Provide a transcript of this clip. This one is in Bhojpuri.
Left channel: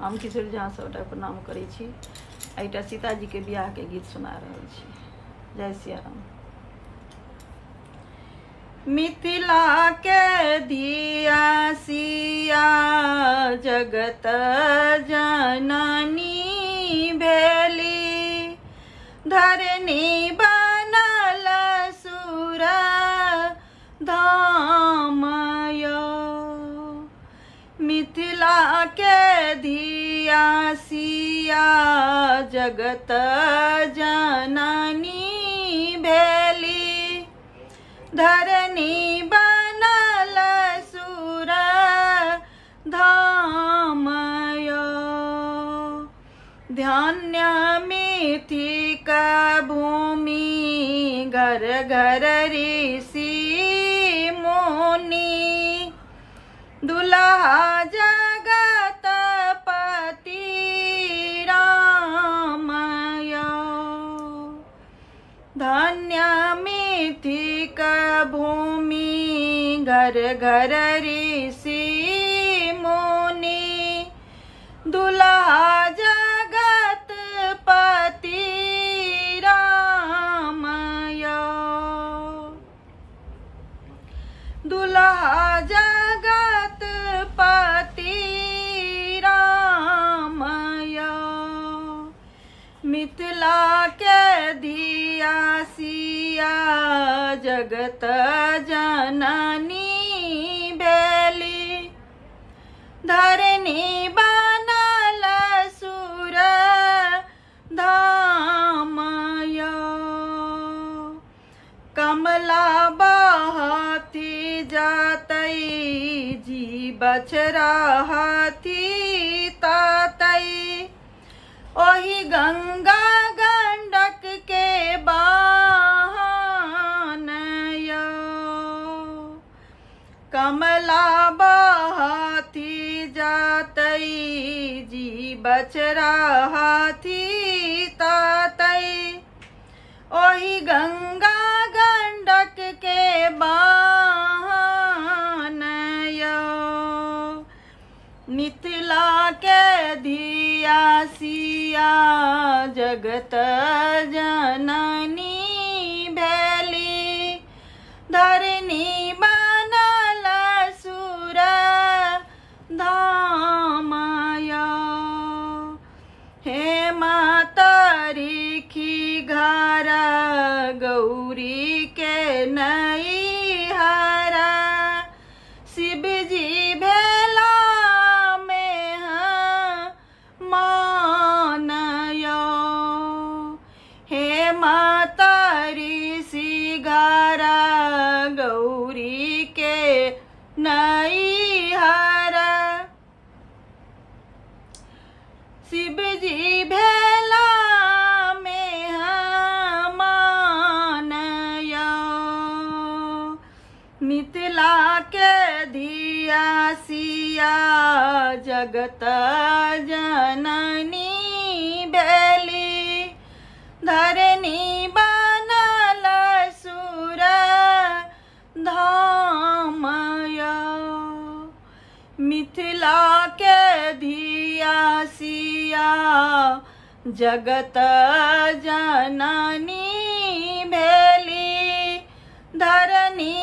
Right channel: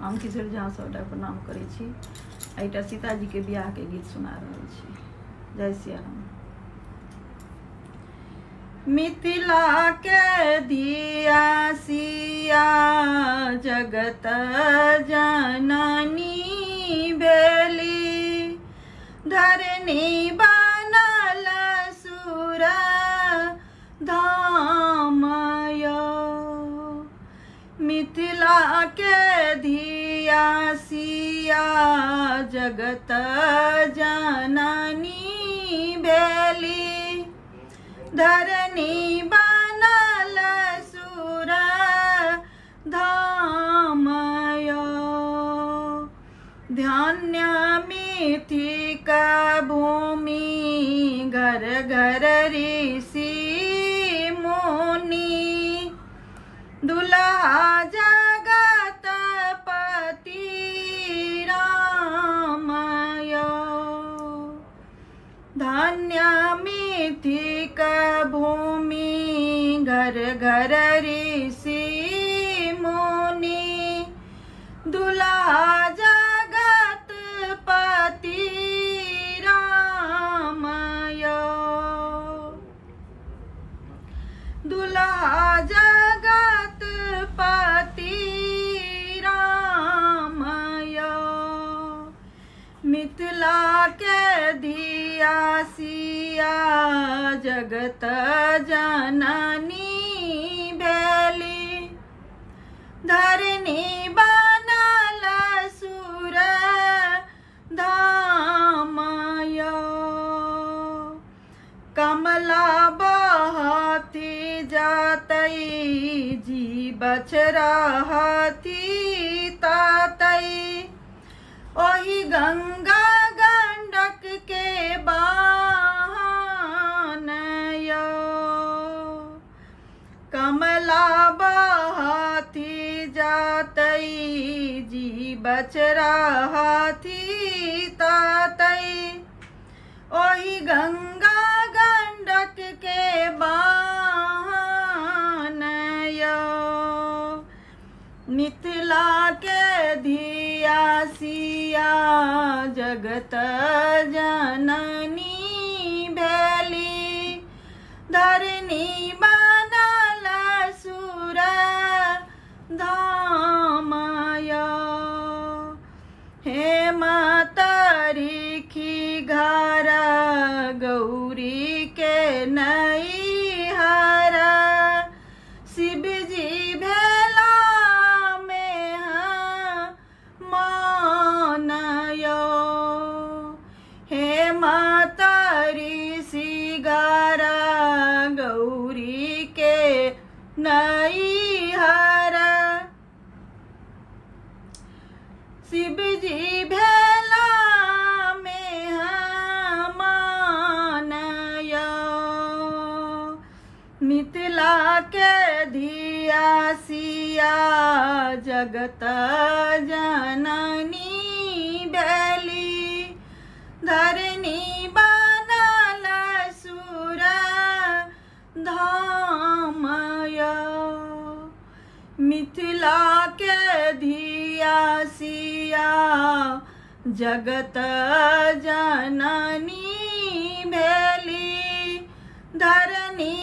हम किशोर झा सबटा प्रणाम करै छी। एटा सीताजी के बियाह के गीत सुना रहल छी। जय सिया राम। मिथिला के धिया सिया जगत जननी भेली, धरनी बनल सुर धाम यो। मिथिला के धिया सिया जगत जननी भेली, धरनी बनल सुर धाम यो। ध्यान मिथिक भूमि घर घर ऋषि मुनि, दुल्हा जगत पति राम यो। धन्य मिथिक भूमि घर घर ऋषि मुनि, दुल्हा जगत पति राम यो। दुल्हा जगत पति राम यो। मिथिला के धिया सिया जगत जननी भेली, धरनी बनल सुर धाम यो। कमला बहती जातई जी बछरा हाथी तातई, ओही गंगा गंडक के बहान यो। कमला बहती जातई जी बछरा हाथी तातई, ओही गंगा गंडक के बहान यो। मिथिला के धिया सिया जगत जननी भेली, धरनी बनल सुर धाम यो। हे मातरिखी घर गौरी के नैहर, शिव जी भेला में मान यो। हे मातरिषि घर गौरी के नैहर, शिव जी भेला में मान यो। मिथिला के धिया सिया जगत जननी भेली, धरनी बनल सुर धाम यो। मिथिला के धिया सिया जगत जननी भेली, धरनी